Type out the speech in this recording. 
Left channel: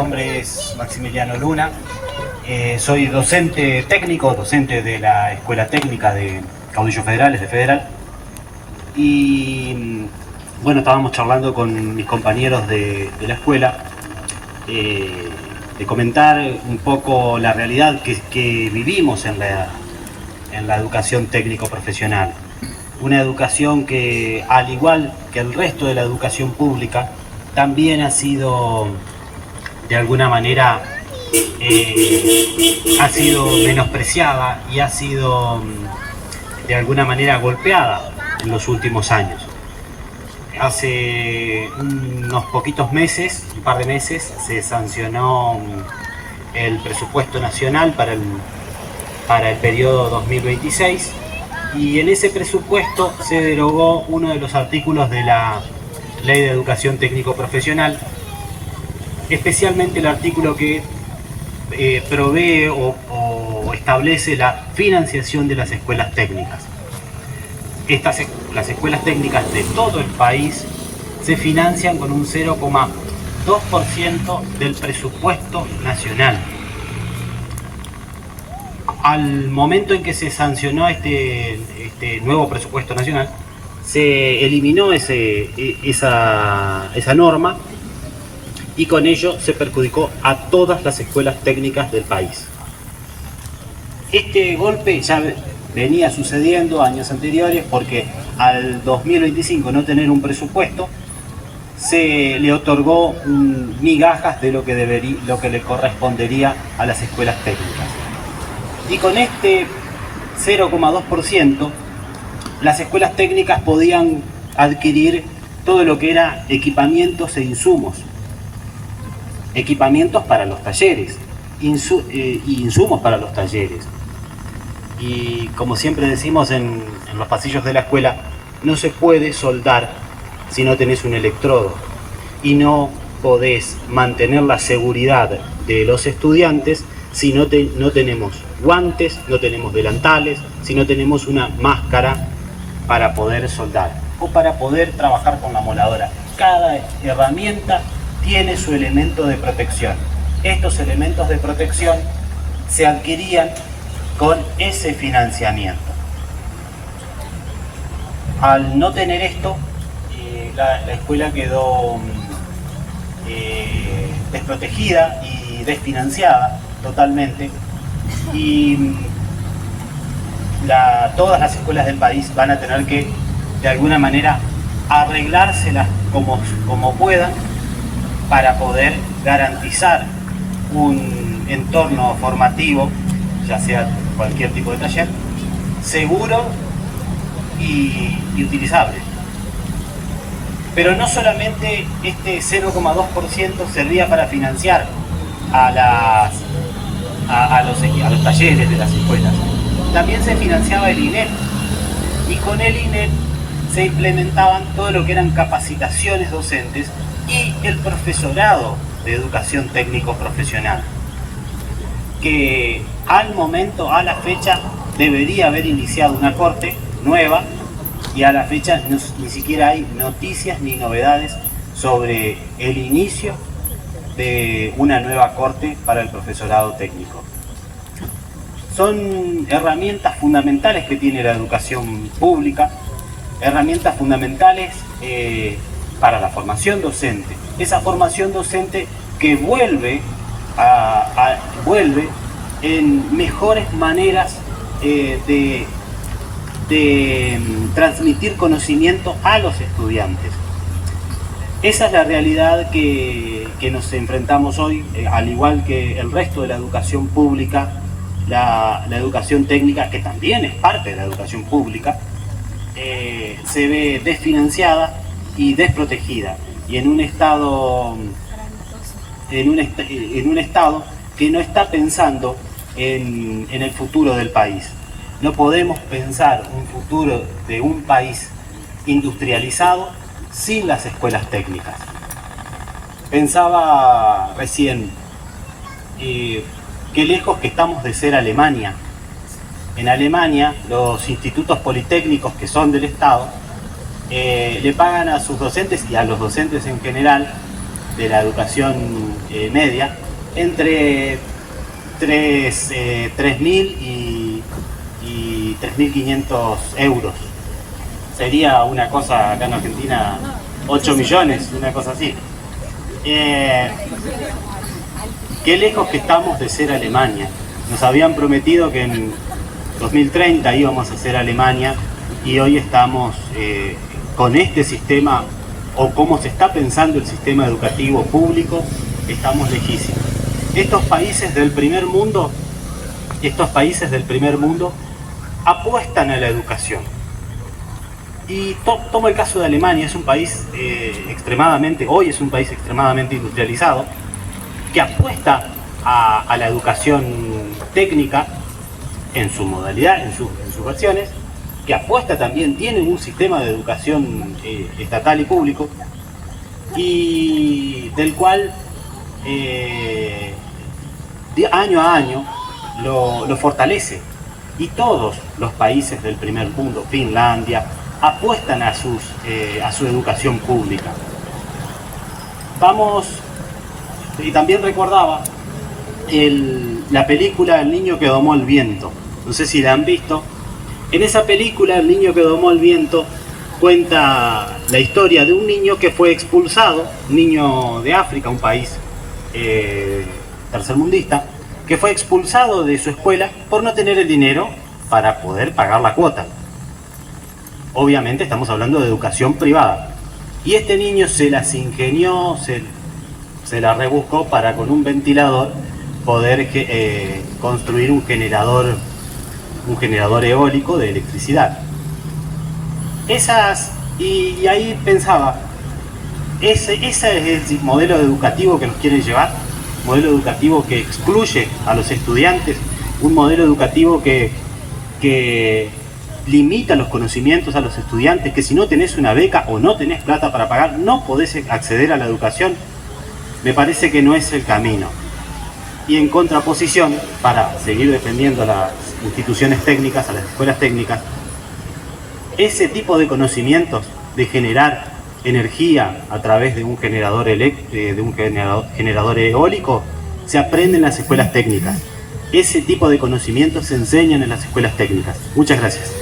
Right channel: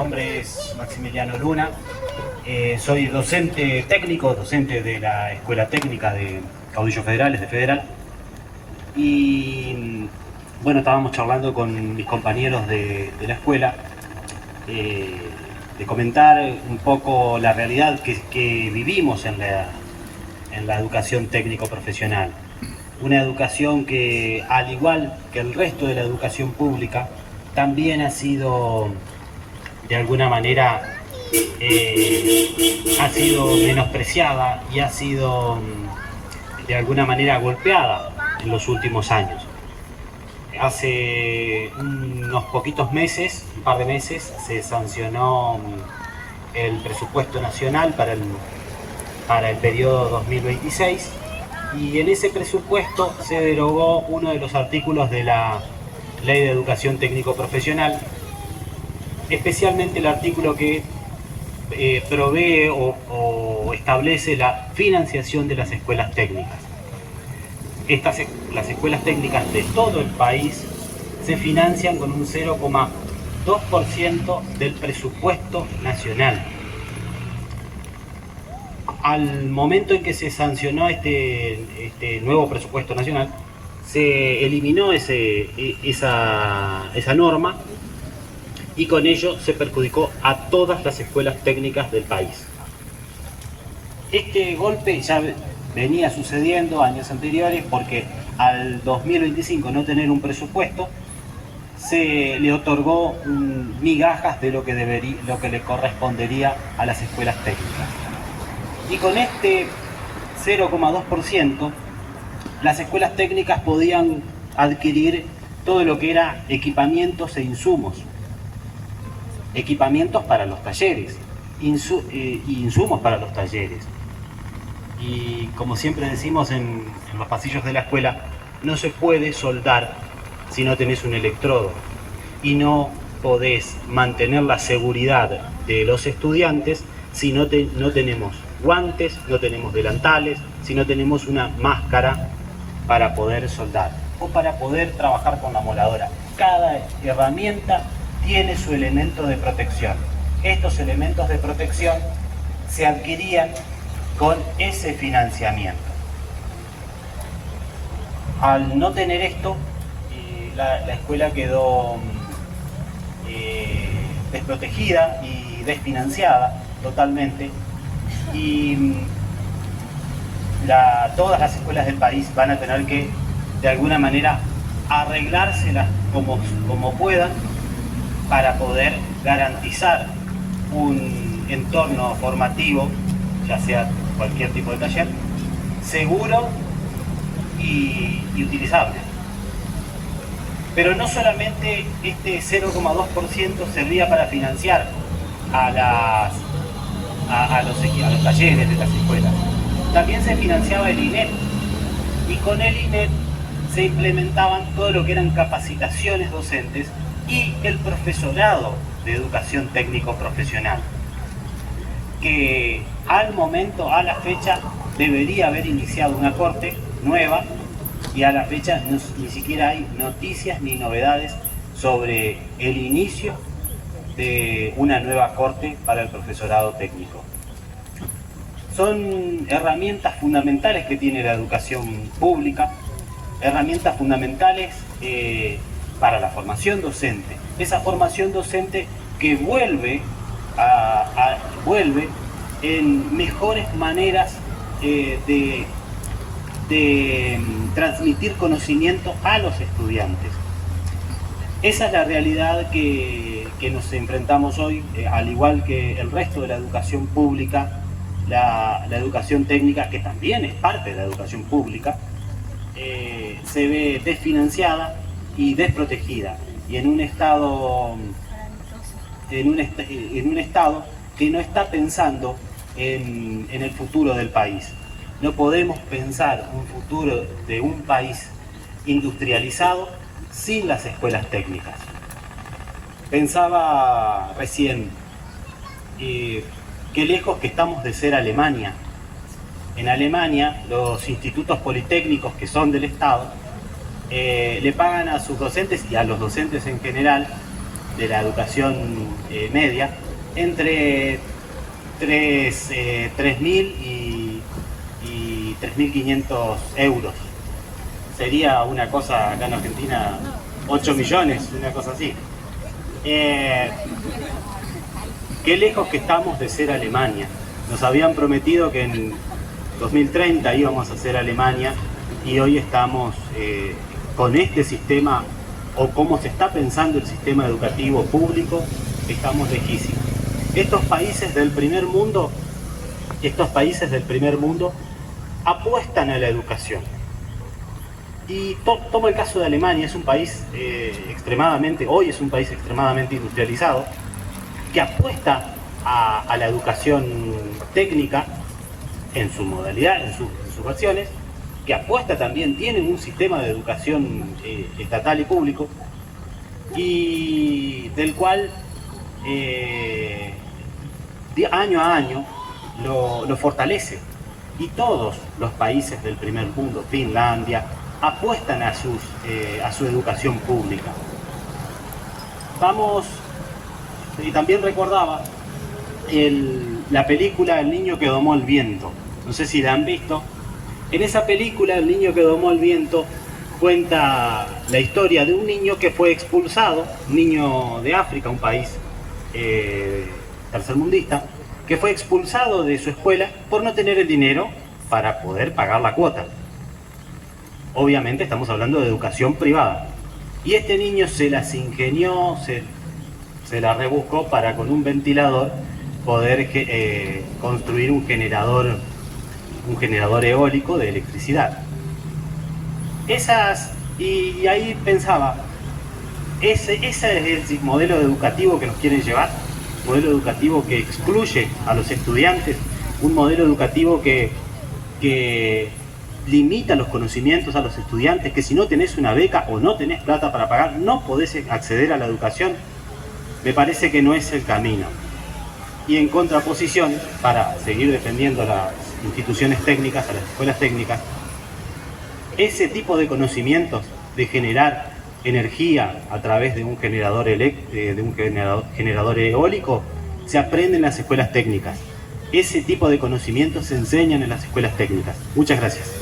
nombre es Maximiliano Luna, soy docente técnico, docente de la Escuela Técnica de Caudillos Federales, de Federal. Y bueno, estábamos charlando con mis compañeros de la escuela, de comentar un poco la realidad que vivimos en la educación técnico-profesional. Una educación que, al igual que el resto de la educación pública, también ha sido, de alguna manera, ha sido menospreciada y ha sido, de alguna manera, golpeada en los últimos años. Hace unos poquitos meses, un par de meses, se sancionó el presupuesto nacional para el periodo 2026, y en ese presupuesto se derogó uno de los artículos de la Ley de Educación Técnico-Profesional, especialmente el artículo que provee o establece la financiación de las escuelas técnicas. Las escuelas técnicas de todo el país se financian con un 0,2% del presupuesto nacional. Al momento en que se sancionó este nuevo presupuesto nacional, se eliminó esa norma, y con ello se perjudicó a todas las escuelas técnicas del país. Este golpe ya venía sucediendo años anteriores, porque al 2025 no tener un presupuesto, se le otorgó migajas de lo que le correspondería a las escuelas técnicas. Y con este 0,2%, las escuelas técnicas podían adquirir todo lo que era equipamientos e insumos. Equipamientos para los talleres, insumos para los talleres. Y como siempre decimos en los pasillos de la escuela, no se puede soldar si no tenés un electrodo, y no podés mantener la seguridad de los estudiantes si no tenemos guantes, no tenemos delantales, si no tenemos una máscara para poder soldar o para poder trabajar con la moladora. Cada herramienta tiene su elemento de protección. Estos elementos de protección se adquirían con ese financiamiento. Al no tener esto, la escuela quedó desprotegida y desfinanciada totalmente, y todas las escuelas del país van a tener que, de alguna manera, arreglárselas como puedan para poder garantizar un entorno formativo, ya sea cualquier tipo de taller, seguro y utilizable. Pero no solamente este 0,2% servía para financiar a los talleres de las escuelas. También se financiaba el INEP, y con el INEP se implementaban todo lo que eran capacitaciones docentes y el profesorado de educación técnico-profesional, que al momento, a la fecha, debería haber iniciado una corte nueva, y a la fecha ni siquiera hay noticias ni novedades sobre el inicio de una nueva corte para el profesorado técnico. Son herramientas fundamentales que tiene la educación pública, herramientas fundamentales para la formación docente. Esa formación docente que vuelve en mejores maneras de transmitir conocimiento a los estudiantes. Esa es la realidad que nos enfrentamos hoy, al igual que el resto de la educación pública. La educación técnica, que también es parte de la educación pública, se ve desfinanciada y desprotegida, y en un estado que no está pensando en el futuro del país. No podemos pensar un futuro de un país industrializado sin las escuelas técnicas. Pensaba recién, qué lejos que estamos de ser Alemania. En Alemania, los institutos politécnicos, que son del Estado, le pagan a sus docentes y a los docentes en general de la educación media entre 3.000 y 3.500 euros. Sería una cosa acá en Argentina, 8 millones, una cosa así. Qué lejos que estamos de ser Alemania. Nos habían prometido que en 2030 íbamos a ser Alemania y hoy estamos con este sistema, o cómo se está pensando el sistema educativo público, estamos lejísimos. Estos países del primer mundo apuestan a la educación. Y tomo el caso de Alemania, es un país hoy es un país extremadamente industrializado, que apuesta a la educación técnica en su modalidad, en sus versiones, que apuesta también, tienen un sistema de educación estatal y público, y del cual año a año lo fortalece. Y todos los países del primer mundo, Finlandia, apuestan a su educación pública. Y también recordaba la película El niño que domó el viento. No sé si la han visto. En esa película, El niño que domó el viento cuenta la historia de un niño que fue expulsado, un niño de África, un país tercermundista, que fue expulsado de su escuela por no tener el dinero para poder pagar la cuota. Obviamente estamos hablando de educación privada. Y este niño se las ingenió, se la rebuscó para, con un ventilador, poder construir un generador eólico de electricidad. Y ahí pensaba, ese es el modelo educativo que nos quieren llevar, un modelo educativo que excluye a los estudiantes, un modelo educativo que limita los conocimientos a los estudiantes, que si no tenés una beca o no tenés plata para pagar, no podés acceder a la educación. Me parece que no es el camino. Y en contraposición, para seguir defendiendo a las instituciones técnicas, a las escuelas técnicas, ese tipo de conocimientos de generar energía a través de un generador eólico se aprende en las escuelas técnicas. Ese tipo de conocimientos se enseñan en las escuelas técnicas. Muchas gracias.